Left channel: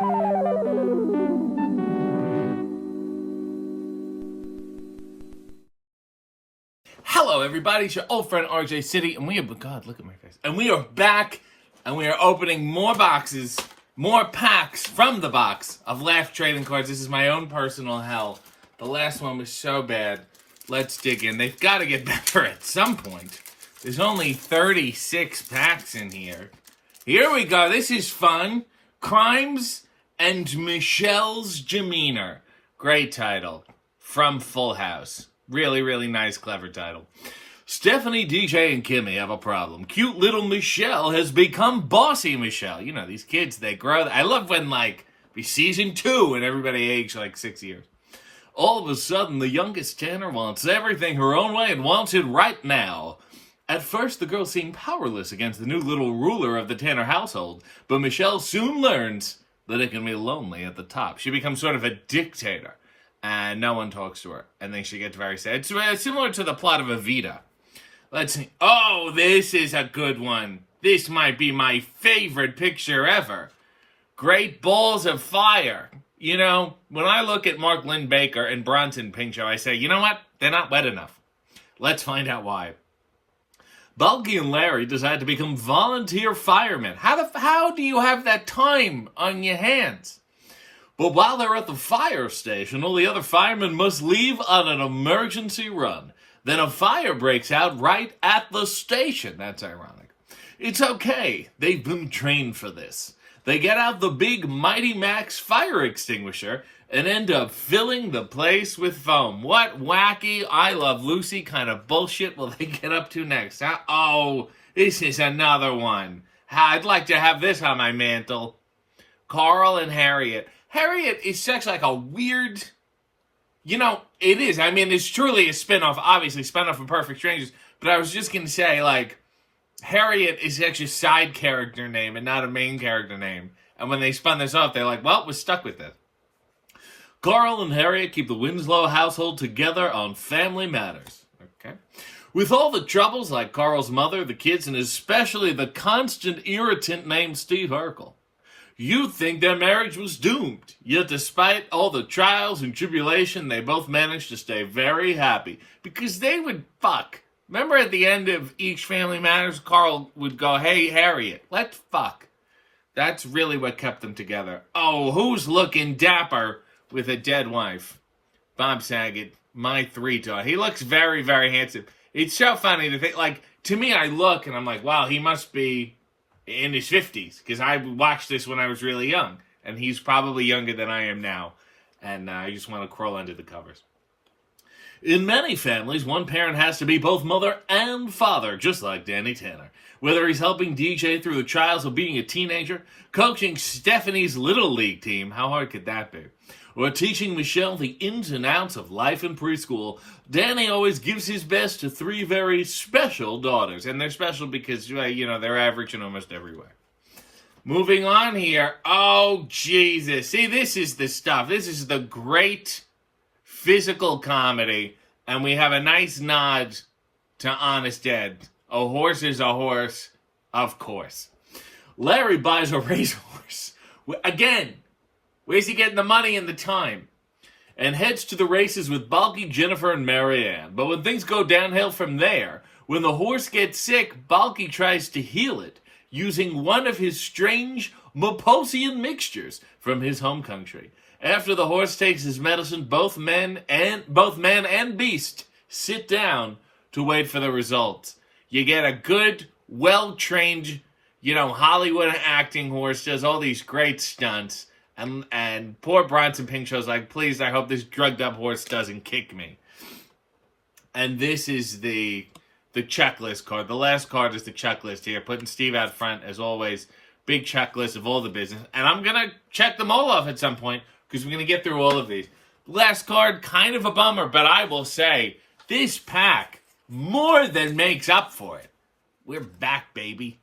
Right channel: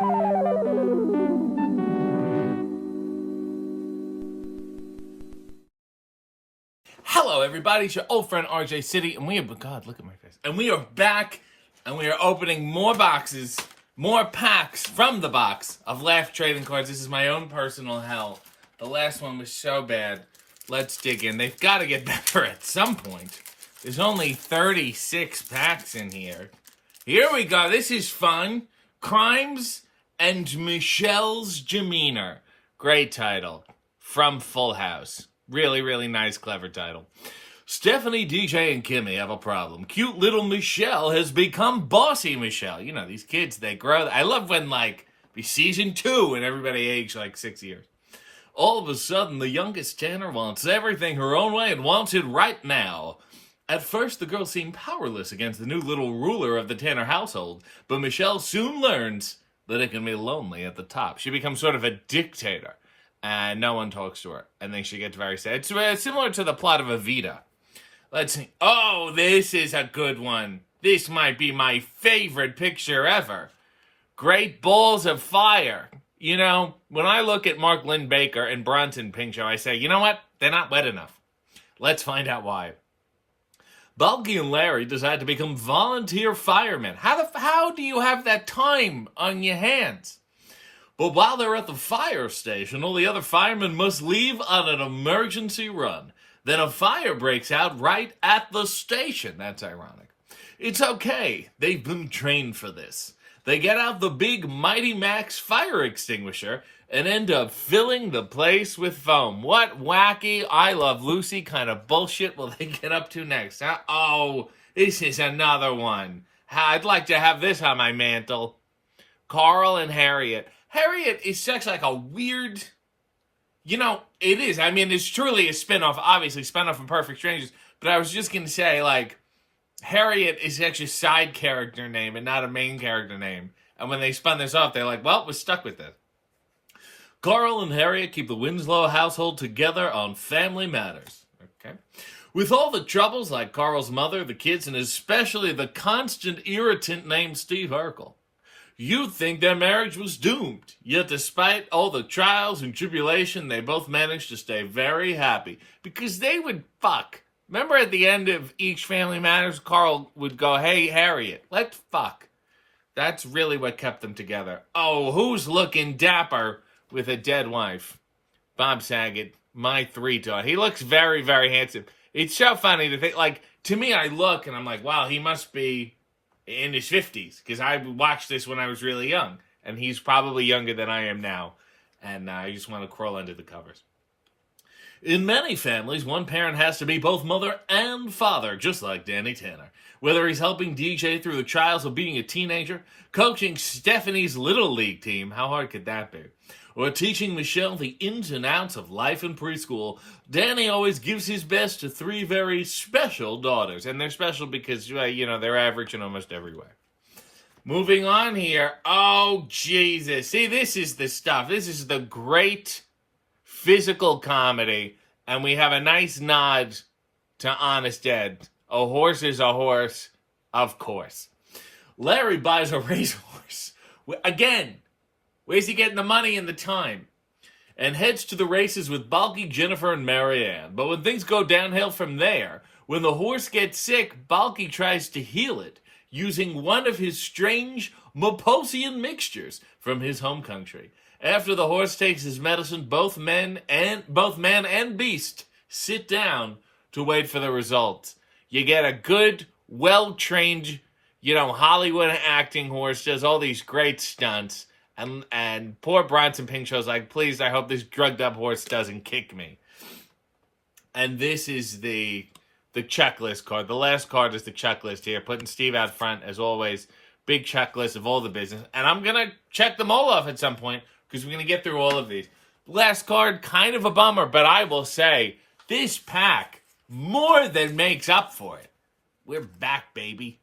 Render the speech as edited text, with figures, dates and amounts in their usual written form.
Hello, everybody. It's your old friend RJ City, and God, look at my face. And we are back, and we are opening more boxes, more packs from the box of LAFFS trading cards. This is my own personal hell. The last one was so bad. Let's dig in. They've got to get better at some point. There's only 36 packs in here. Here we go. This is fun. Crimes and Michelle's Demeanor. Great title. From Full House. Really, really nice, clever title. Stephanie, DJ, and Kimmy have a problem. Cute little Michelle has become bossy Michelle. You know, these kids, they grow. I love when, be season 2 and everybody aged 6 years. All of a sudden, the youngest Tanner wants everything her own way and wants it right now. At first, the girls seem powerless against the new little ruler of the Tanner household, but Michelle soon learns that it can be lonely at the top. She becomes sort of a dictator. And no one talks to her. And then she gets very sad. It's similar to the plot of Evita. Let's see. Oh, this is a good one. This might be my favorite picture ever. Great balls of fire. You know, when I look at Mark Lynn-Baker and Bronson Pinchot, I say, you know what? They're not wet enough. Let's find out why. Bulky and Larry decide to become volunteer firemen. How do you have that time on your hands? But while they're at the fire station, all the other firemen must leave on an emergency run. Then a fire breaks out right at the station. That's ironic. It's okay. They've been trained for this. They get out the big Mighty Max fire extinguisher and end up filling the place with foam. What wacky I Love Lucy kind of bullshit will they get up to next? Huh? Oh, this is another one. I'd like to have this on my mantle. Carl and Harriet. Harriet is such a weird, it is. I mean, it's truly a spinoff, obviously, spinoff from Perfect Strangers. But I was just going to say, Harriet is actually a side character name and not a main character name. And when they spun this off, they're like, well, we're stuck with this. Carl and Harriet keep the Winslow household together on family matters. Okay. With all the troubles like Carl's mother, the kids, and especially the constant irritant named Steve Urkel. You'd think their marriage was doomed, yet despite all the trials and tribulation, they both managed to stay very happy, because they would fuck. Remember at the end of each Family Matters, Carl would go, hey, Harriet, let's fuck. That's really what kept them together. Oh, who's looking dapper with a dead wife? Bob Saget, my 3-star. He looks very, very handsome. It's so funny to think, to me, I look and I'm like, wow, he must be in his 50s, because I watched this when I was really young, and he's probably younger than I am now, and I just want to crawl under the covers. In many families, one parent has to be both mother and father, just like Danny Tanner. Whether he's helping DJ through the trials of being a teenager, coaching Stephanie's Little League team, how hard could that be? Or teaching Michelle the ins and outs of life in preschool, Danny always gives his best to 3 very special daughters. And they're special because, they're average in almost every way. Moving on here. Oh, Jesus. See, this is the stuff. This is the great physical comedy. And we have a nice nod to Honest Ed. A horse is a horse, of course. Larry buys a racehorse. Again, where's he getting the money and the time? And heads to the races with Bulky, Jennifer, and Marianne. But when things go downhill from there, when the horse gets sick, Bulky tries to heal it using one of his strange Maposian mixtures from his home country. After the horse takes his medicine, both man and beast sit down to wait for the results. You get a good, well-trained, Hollywood acting horse, does all these great stunts. And poor Bronson Pinchot's like, please, I hope this drugged-up horse doesn't kick me. And this is the checklist card. The last card is the checklist here, putting Steve out front, as always. Big checklist of all the business. And I'm going to check them all off at some point, because we're going to get through all of these. Last card, kind of a bummer, but I will say, this pack more than makes up for it. We're back, baby.